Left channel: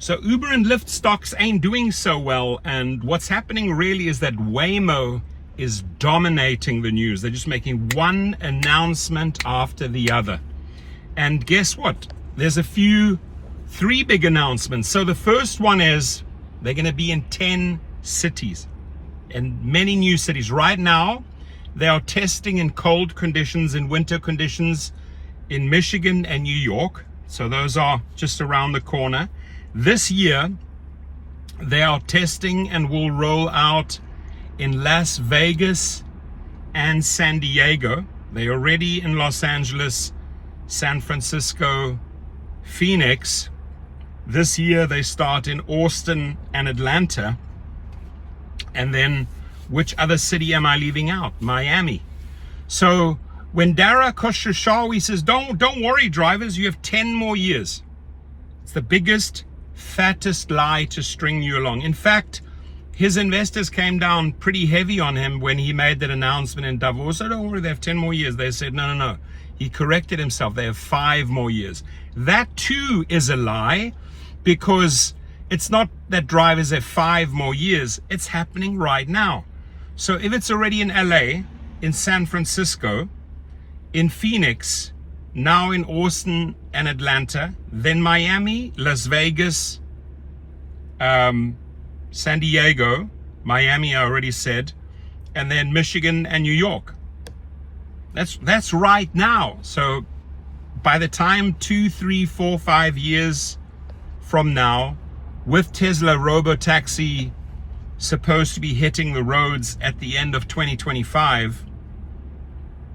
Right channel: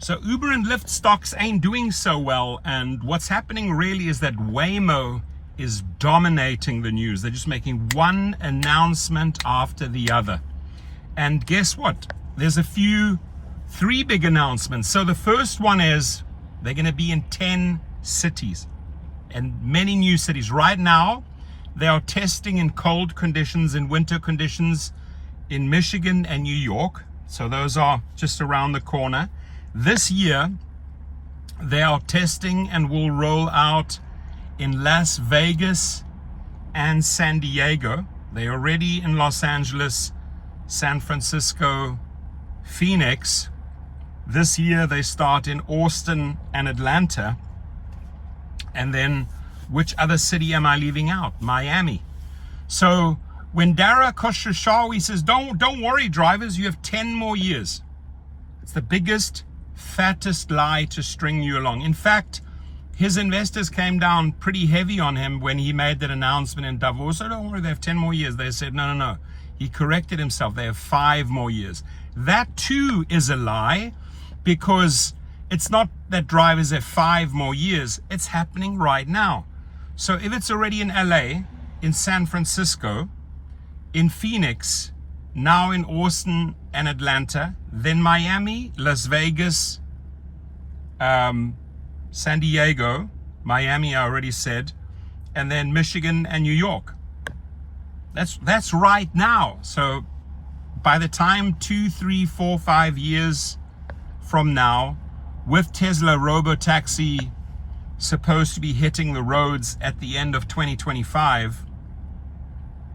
So Uber and Lyft stocks ain't doing so well, and what's happening really is that Waymo is dominating the news. They're just making one announcement after the other. And guess what? There's three big announcements. So the first one is they're going to be in 10 cities and many new cities. Right now, they are testing in cold conditions and winter conditions in Michigan and New York. So those are just around the corner. This year, they are testing and will roll out in Las Vegas and San Diego. They're already in Los Angeles, San Francisco, Phoenix. This year they start in Austin and Atlanta. And then which other city am I leaving out? Miami. So when Dara Khosrowshahi says, don't worry drivers, you have 10 more years. It's the biggest, fattest lie to string you along. In fact, his investors came down pretty heavy on him when he made that announcement in Davos. So don't worry, they have 10 more years. They said, no. He corrected himself. They have 5 more years. That too is a lie, because it's not that drivers have 5 more years. It's happening right now. So if it's already in LA, in San Francisco, in Phoenix, now in Austin and Atlanta, then Miami, Las Vegas, San Diego, Miami I already said, and then Michigan and New York. That's right now. So by the time 2, 3, 4, 5 years from now, with Tesla Robotaxi supposed to be hitting the roads at the end of 2025,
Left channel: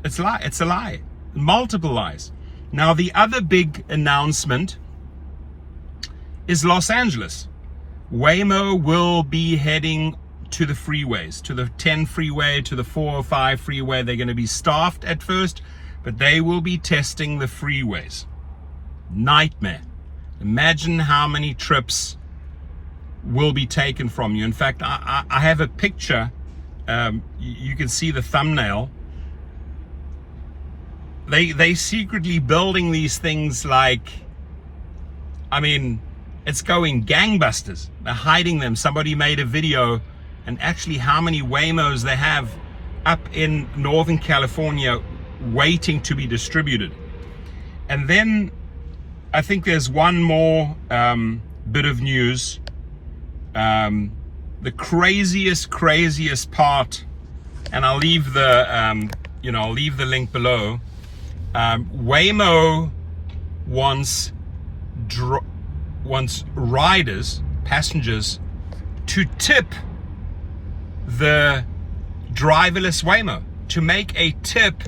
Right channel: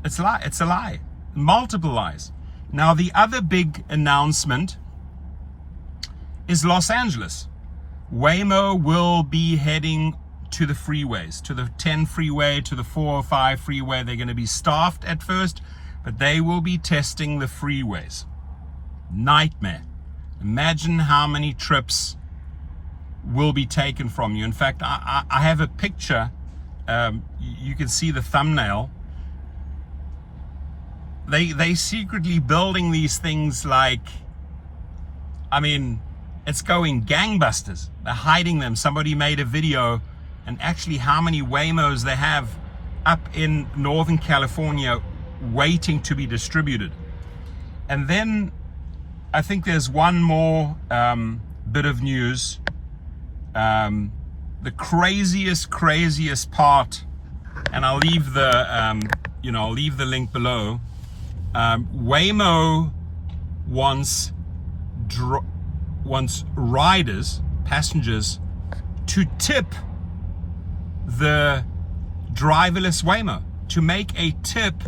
it's a lie. Multiple lies. Now the other big announcement is Los Angeles. Waymo will be heading to the freeways, to the 10 freeway, to the 405 freeway. They're going to be staffed at first, but they will be testing the freeways. Nightmare. Imagine how many trips will be taken from you. In fact, I have a picture. You can see the thumbnail. They secretly building these things like, I mean, it's going gangbusters. They're hiding them. Somebody made a video, and actually how many Waymos they have up in Northern California waiting to be distributed. And then I think there's one more bit of news. The craziest part, and I'll leave the link below. Waymo wants riders, passengers, to tip the driverless Waymo, to make a tip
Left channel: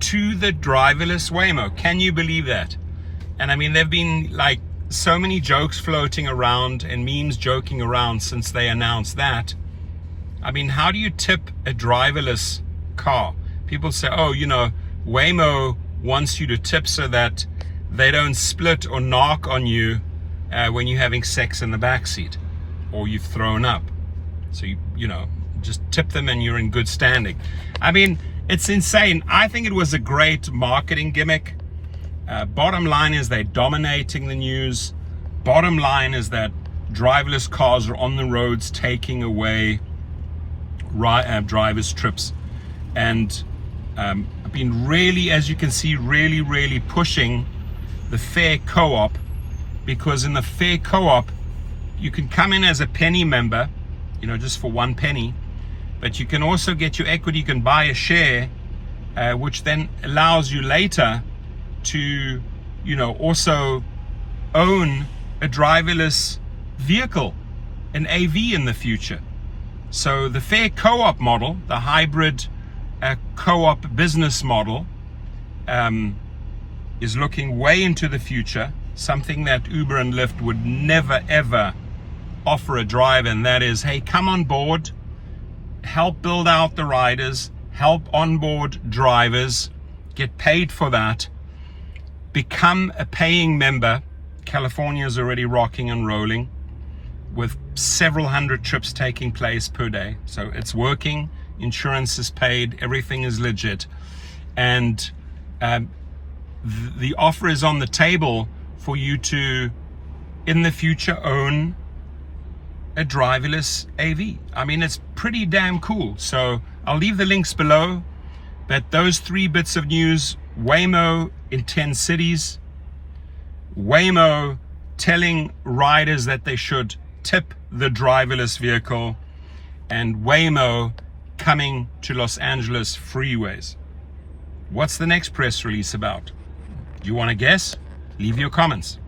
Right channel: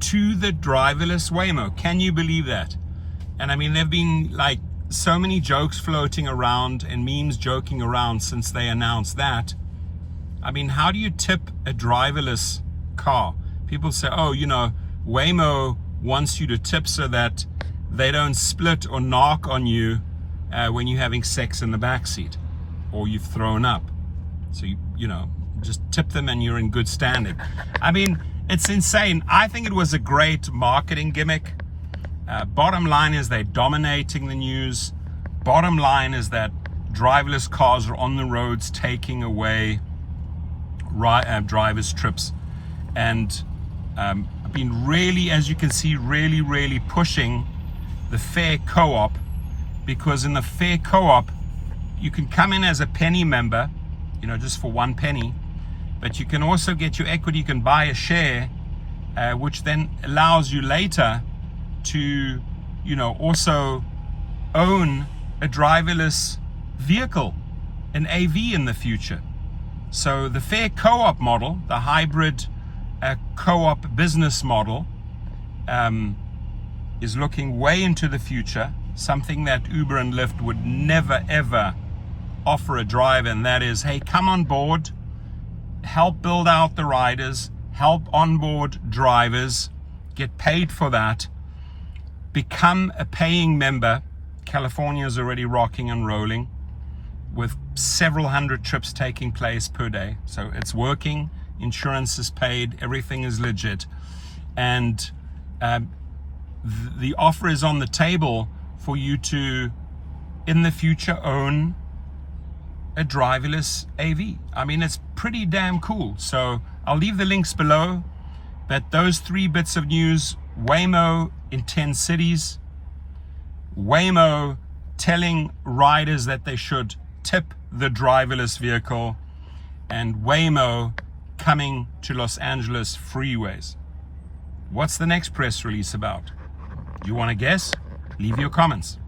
to the driverless Waymo. Can you believe that? And I mean, there've been like so many jokes floating around and memes joking around since they announced that. I mean, how do you tip a driverless car? People say, oh, Waymo wants you to tip so that they don't split or knock on you when you're having sex in the backseat or you've thrown up. So, just tip them and you're in good standing. I mean, it's insane. I think it was a great marketing gimmick. Bottom line is they're dominating the news. Bottom line is that driverless cars are on the roads taking away drivers' trips. And I've been really, as you can see, really pushing the fair co-op, because in the fair co-op, you can come in as a penny member, just for 1 penny, but you can also get your equity. You can buy a share, which then allows you later to, also own a driverless vehicle, an AV in the future. So the fair co-op model, the hybrid co-op business model, is looking way into the future, something that Uber and Lyft would never ever offer a driver, and that is, hey, come on board, help build out the riders, help onboard drivers, get paid for that, become a paying member. California is already rocking and rolling with several hundred trips taking place per day. So it's working, insurance is paid, everything is legit. And the offer is on the table for you to in the future own a driverless AV. I mean, it's pretty damn cool. So I'll leave the links below. But those 3 bits of news: Waymo in 10 cities, Waymo telling riders that they should tip the driverless vehicle, and Waymo coming to Los Angeles freeways. What's the next press release about? You want to guess? Leave your comments.